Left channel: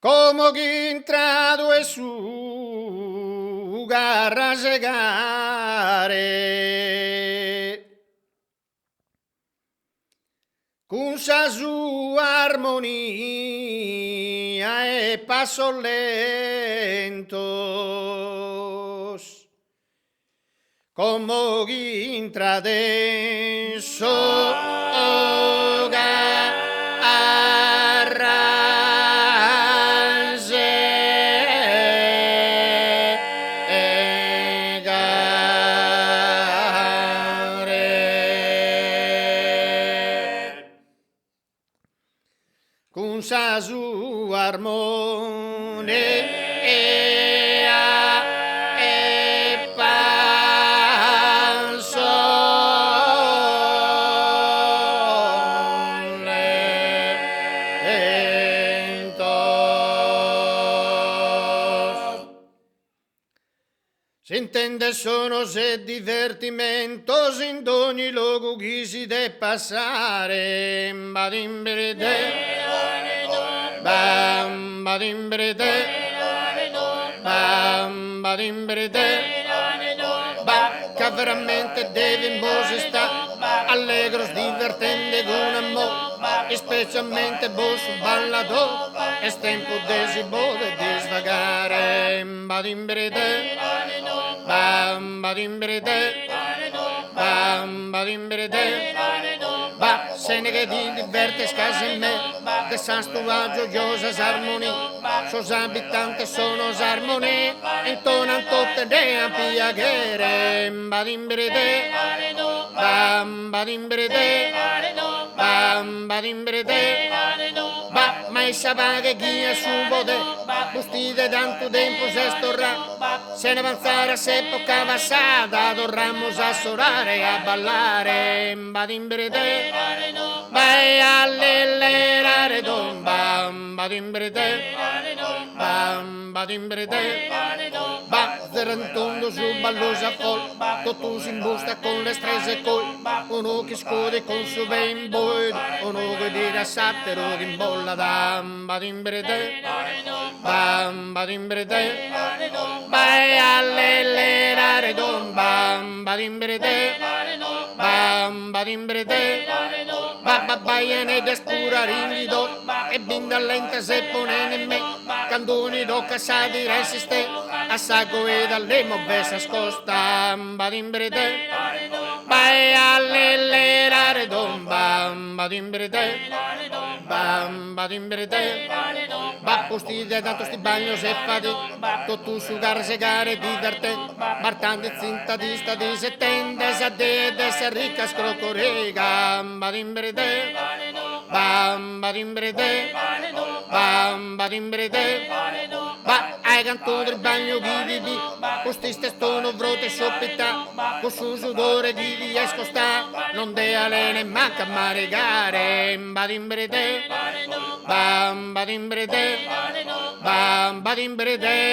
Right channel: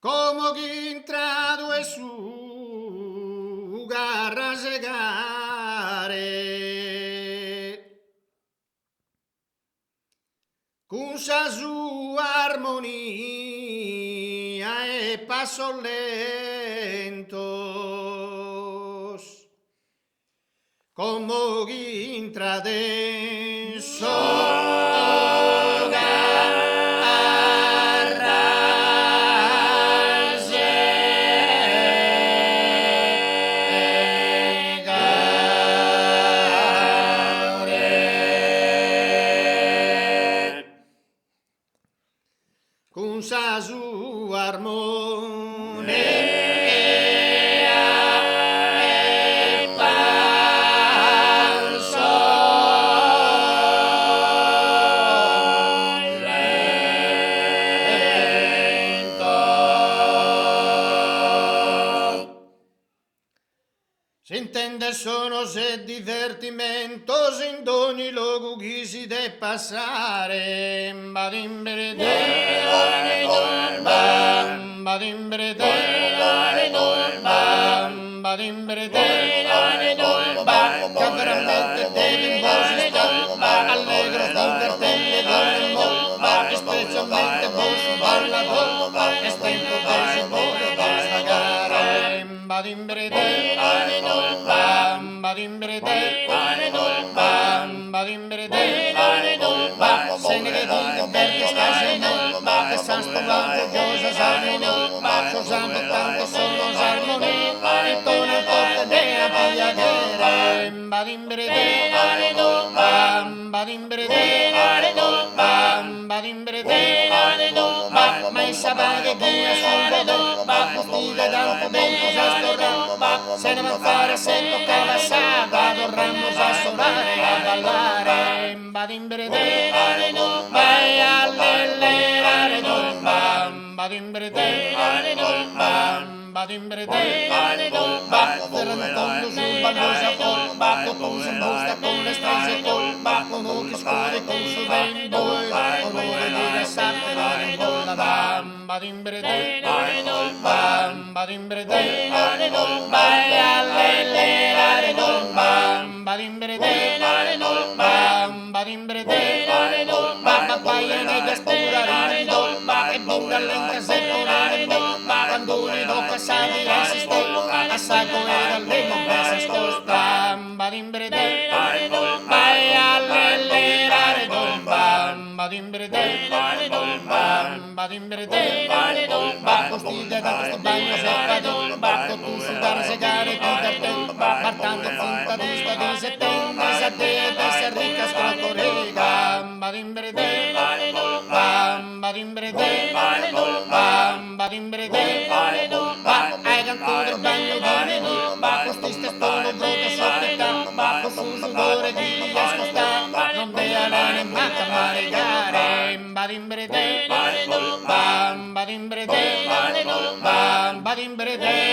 Como que entrado es su garra segare con sa sua armonia e passo lentos como que entrade con sa sua armonia e passo lento. Si intende sono se divertimentos in ogni luogo che si deve passare. Bam badimbrede, bam badimbrede, che veramente devi sta allegro, divertente con amore, specialmente bosso ballador, è tempo di vuole di svagare. Badimbrede, bam badimbrede, bam badimbrede, ba se ne che ti diverte stasi me. Che san stuvaggio giosas armonia, sos abitanti sono armonia, intonan tutte de a piaghere, badimbrede, bam badimbrede, bam badimbrede, ba mai sapeva che ghia sul bode, bustide tanto tempo se storra, se ne va a fare se toccava sada, dorramos a sorare e a ballare, badimbrede, vai all'ellerare bam badimbrede, bam badimbrede, ba zerentondo su ballosa col, tutto si busta con le strese col, uno che scuode con suo ben boy, uno che dica sattero di bolla, bam badimbrede, bam badimbrede, vai all'ellerare bam badimbrede, bam badimbrede, ba baiane da scura rido, e bunga lenta se pone in me, candoni do casati resiste, a saco e dalle mobese scosta, badimbrede, vai all'ellerare bam badimbrede, bam badimbrede, ba postide tanto sti bagno se fado, tu sudare segare di darte, martando zinta di sta di settende, se de se ricca scrocorega, badimbrede, bam badimbrede, bam badimbrede, ba ai canto del bagno di costiste stono brote soppita, con su sudore di escosta, non de alene manca maregare, badimbrede, bam badimbrede, bam badimbrede.